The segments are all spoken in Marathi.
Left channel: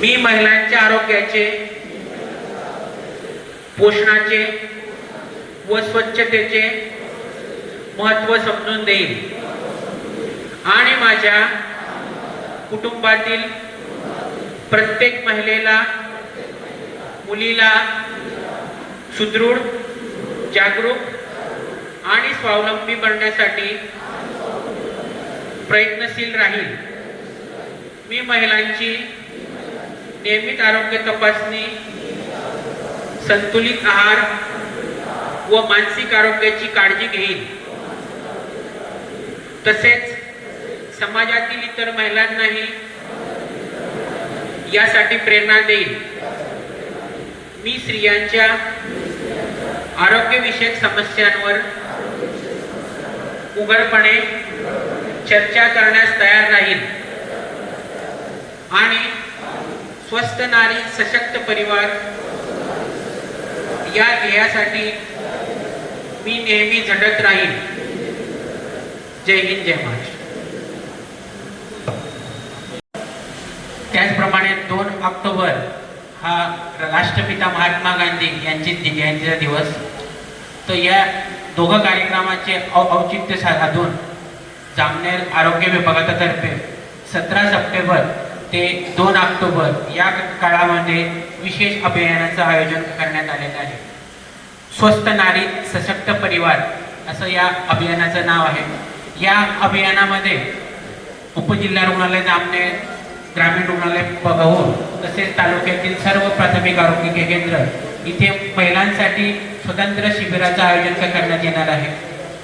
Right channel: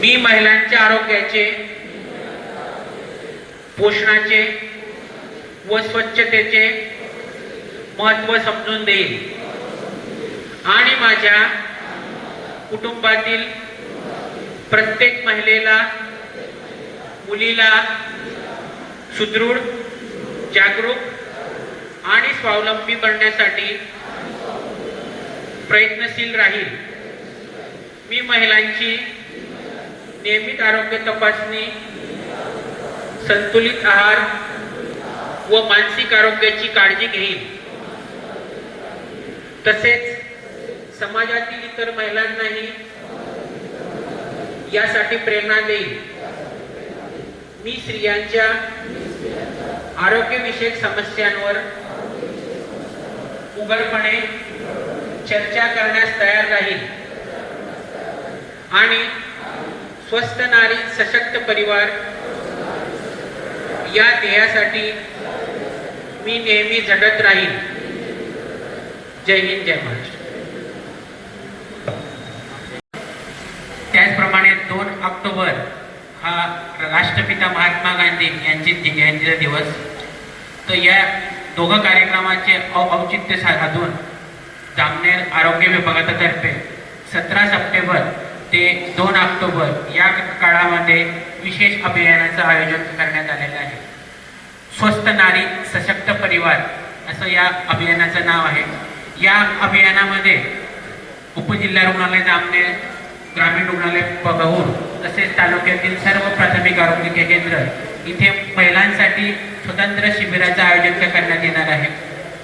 मी महिलांच्या आरोग्याचे पोषणाचे व स्वच्छतेचे महत्त्व समजून देईल आणि माझ्या कुटुंबातील प्रत्येक महिलेला मुलीला सुदृढ जागरूक आणि स्वावलंबी करण्यासाठी प्रयत्नशील राहील. मी महिलांची नियमित आरोग्य तपासणी संतुलित आहार व मानसिक आरोग्याची काळजी घेईन तसेच समाजातील इतर महिलांनाही यासाठी प्रेरणा देईल. मी स्त्रियांच्या आरोग्यविषयक समस्यांवर उघडपणे चर्चा करण्यास तयार राहील आणि स्वस्थ नारी सशक्त परिवार या ध्येयासाठी मी नेहमी झटत राहील जय हिंद जय महाराष्ट्र. त्याचप्रमाणे दोन ऑक्टोबर हा राष्ट्रपिता महात्मा गांधी यांची जयंतीचा दिवस. तर या दोघं कार्यक्रमाचे औचित्य साधून जामनेर आरोग्य विभागातर्फे सतरा सप्टेंबर ते दोन ऑक्टोबर या काळामध्ये विशेष अभियानाचं आयोजन करण्यात आलेलं आहे. स्वस्त नारी सशक्त परिवार असं या अभियानाचं नाव आहे. या अभियानामध्ये उपजिल्हा रुग्णालय जामनेर ग्रामीण रुग्णालय बघून तसेच तालुक्यातील सर्व प्राथमिक आरोग्य केंद्र इथे महिलांसाठी स्वतंत्र शिबिराचं आयोजन करण्यात येणार आहे.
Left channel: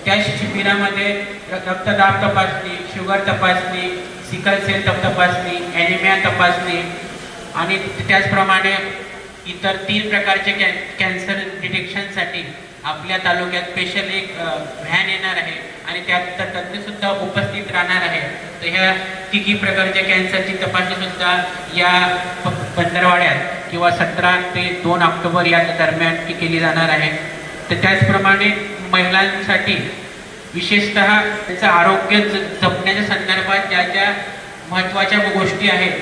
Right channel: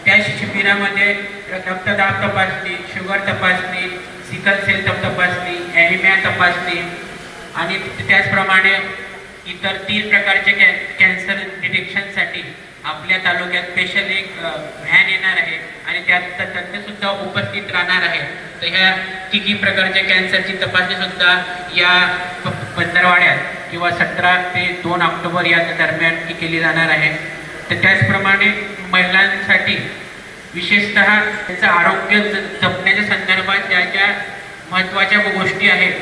त्या शिबिरामध्ये रक्तदाब तपासणी शुगर तपासणी सिकल सेल तपासणी ॲनिमिया तपासणी आणि त्याचप्रमाणे इतर तीन प्रकारचे कॅ कॅन्सर डिटेक्शनसाठी आपल्या तालुक्यात स्पेशल एक व्हॅन येणार आहे आणि त्यात तज्ञसुद्धा उपस्थित राहणार आहे. तर ह्या तिघी प्रकारच्या कॅन्सरची तपासणीसुद्धा या पंधरवाड्यात किंवा सतरा ते दोन ऑक्टोबर या दरम्यान ती केली जाणार आहे. तर त्याचप्रमाणे महिलांसाठी विशेषतः त्याचं आरोग्य ज- जपण्याच्या संदर्भात ज्या ज्या महत्त्वाच्या गोष्टी आहेत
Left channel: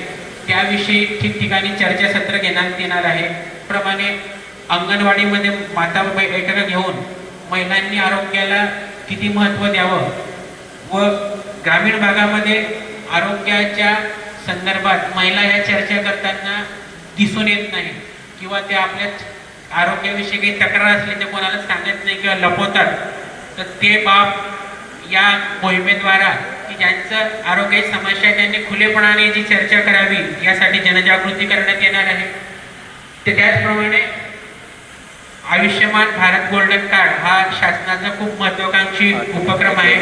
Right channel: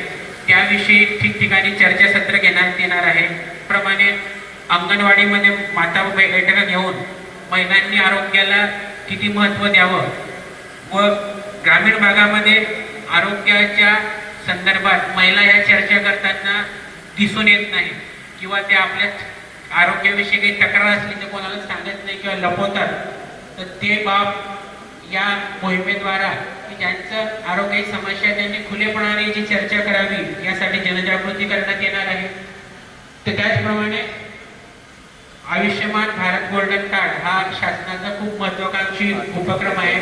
त्याविषयी ठिकठिकाणी चर्चासत्र घेण्यात येणार आहे. प्रमाणे अंगणवाडीमध्ये माता बै- बैठका घेऊन महिलांनी आरोग्याला किती महत्त्व द्यावं व ग्रामीण भागामध्ये आरोग्याच्या संदर्भात महिला या चर्चा करताना दिसून येत नाही किंवा ते आपल्या आरोग्याविषयी काही तक्रार असली तर कोणाला सांगत नाही किंवा लपवतात. तर ते बाब या मोहिमेद्वारा की ज्यांचं आरोग्याची समस्या आहे, त्यांनी खुलेपणाने जी चर्चा करावी यासाठी जनजागृती करण्यात येणार आहे. तर त्याचप्रमाणे आयुष्यमान भारत गोल्डन कार्ड हा शासनाचा खूप महत्वाकांक्षी उपक्रम आहे.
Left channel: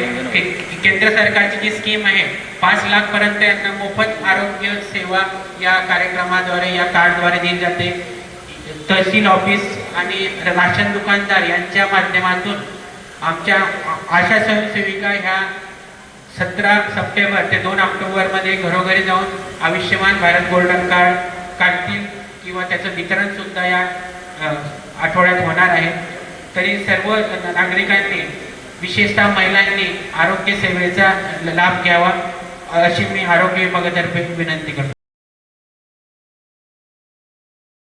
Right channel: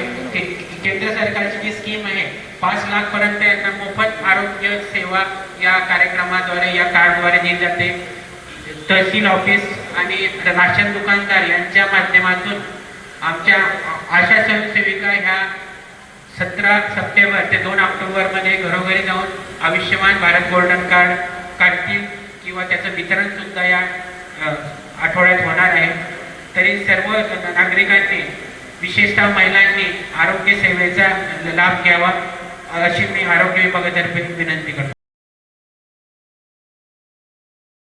केंद्र सरकारची जी स्कीम आहे पाच लाख पर्यंत यांना मोफत आरोग्य सेवा या कार्यक्रमाद्वारे या कार्डद्वारे दिली जाते. तहसील ऑफिस आणि राशन दुकानदार यांच्या माध्यमातून आमच्या आशा स्वयंसेविका ह्या सतरा सप्टेंबर ते दोन ऑक्टोबरमध्ये घरोघरी जाऊन आयुष्यमान भारत गोल्डन कार्ड काढतील किंवा त्याचं वितरण सुद्धा या आठवड्यात होणार आहे. तरी सर्व नागरिकांनी विशेषतः महिलांनी आरोग्य सेवेचा लाभ घ्यावा अशी मी आरोग्य विभागातर्फे विनंती करतो.